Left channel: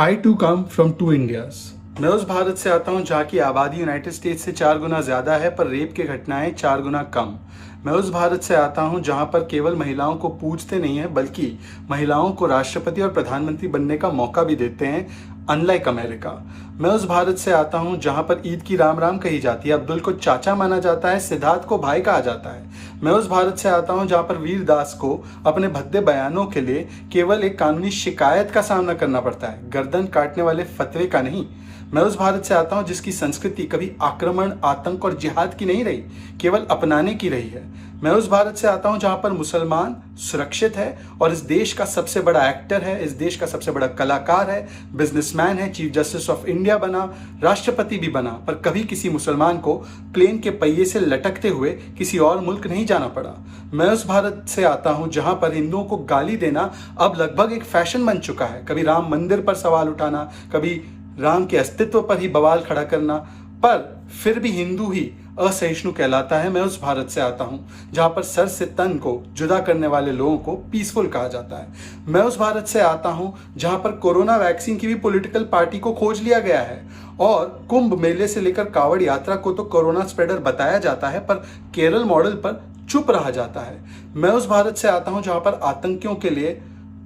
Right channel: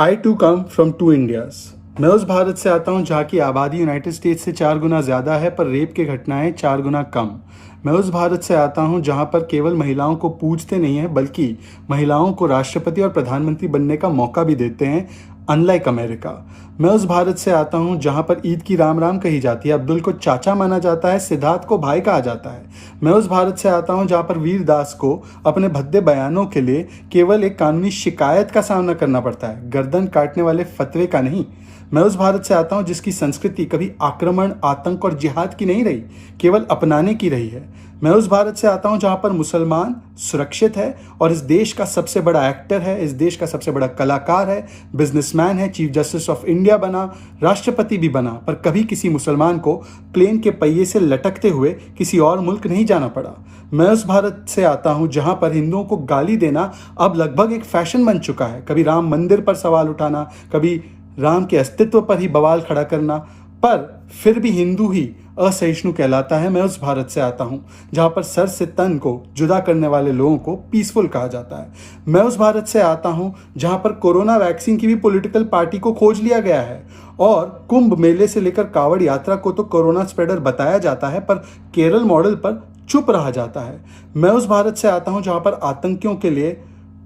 I too come from two Indias. मैं उस भारत से आता हूँ जहाँ की आबादी यूनाइटेड स्टेट्स से 4 गुना ज्यादा है पर रेप की घटनाएं 4 गुना कम। मैं उस भारत से आता हूँ जहाँ पर केवल महिलाओं को पूछते नहीं है बल्कि महिलाओं को राष्ट्रपति और प्रधानमंत्री बनने का मौका भी देते हैं, अनलाइक अमेरिका। मैं उस भारत से आता हूँ जहाँ पर ईद की राम राम कही जाती है, अब्दुल को चाचा माना जाता है, सिद्धार्थ को भाई कहा जाता है। मैं उस भारत से आता हूँ जहाँ पर वीर दास को अपने भद्दे बयानों के लिए केवल एक कानूनी शिकायत का सामना करना पड़ता है, गर्दन काटने वाले फतवे का नहीं। मैं उस भारत से आता हूँ जिसकी संस्कृति कभी आक्रमण, आतंक और जिहाद की नहीं रही, केवल अपनाने की रही है। मैं उस भारत से आता हूँ जहाँ पर मुसलमान सुरक्षित है और इस देश का सबसे बड़ा एक्टर है, इस देश का सबसे बड़ा कलाकार है, बिजनेसमैन है, चीफ जस्टिस ऑफ इंडिया बना, राष्ट्रपति भी बना, पर कभी किसी मुसलमान को प्लेन के पहिए से लटकते हुए किसी और मुल्क नहीं जाना पड़ा। मैं उस भारत से आता हूँ जहाँ पर हिंदुओं को गाली देना अब लगभग एक फैशन बन चुका है, कभी राम मंदिर पर सवाल उठाना, कभी राम के अस्तित्व पर ही बवाल खड़ा करना, पर फिर भी हिंदू ही असहिष्णु कहलाता है। मैं उस भारत से आता हूं जहां पर सर से तन को जुदा करने वाले लोगों को पीसफुल कहा जाता है। मैं उस भारत से आता हूं जहां पर कोरोना वैक्सीन की भी पॉलिटिकल पार्टी को खोज लिया गया है और कुंभ मेले से लेकर कावड़ यात्रा को तो कोरोना स्प्रेडर बताया जाता है पर केरल मॉडल पर चुप रहा जाता है। मैं उस भारत से आता हूं जहां पर आतंकियों के लिए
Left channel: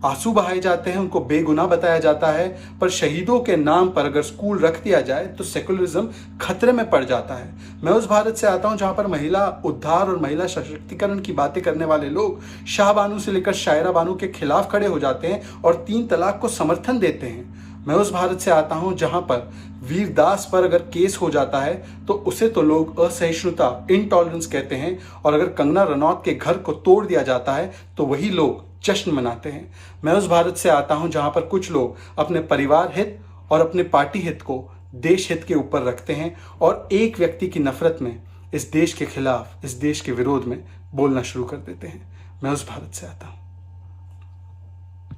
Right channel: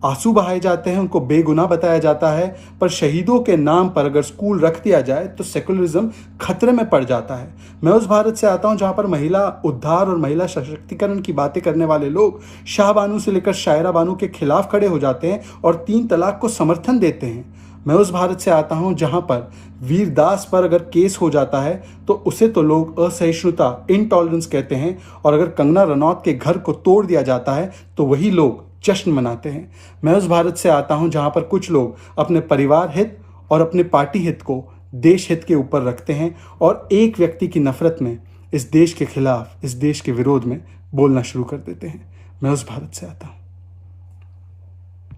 आंसू बहाए जाते हैं, उनको बेगुनाह बताया जाता है, पर शहीदों के नाम पर अगर स्कूल रख दिया जाए तो सेकुलरिज्म खतरे में पड़ जाता है। मैं उस भारत से आता हूं जहां पर महिला उद्धार और महिला सशक्तिकरण की बातें करने वाले लोग शाह बानू से लेकर शायरा बानू के खिलाफ खड़े हो जाते हैं और 3 तलाक को समर्थन देते हैं। मैं उस भारत से आता हूं जहां पर वीरदास पर अगर केस हो जाता है तो उसे तो लोग असहिष्णुता, इंटॉलरेंस कहते हैं, और अगर कंगना रनौत के घर को तोड़ दिया जाता है तो वही लोग जश्न मनाते हैं। मैं उस भारत से आता हूं जहां पर कुछ लोग अपने परिवार हित और अपने पार्टी हित को देश हित के ऊपर रखते हैं और एक व्यक्ति की नफरत में इस देश के खिलाफ, इस देश के विरोध में बोलना शुरू कर देते हैं। मैं उस भारत से आता हूं।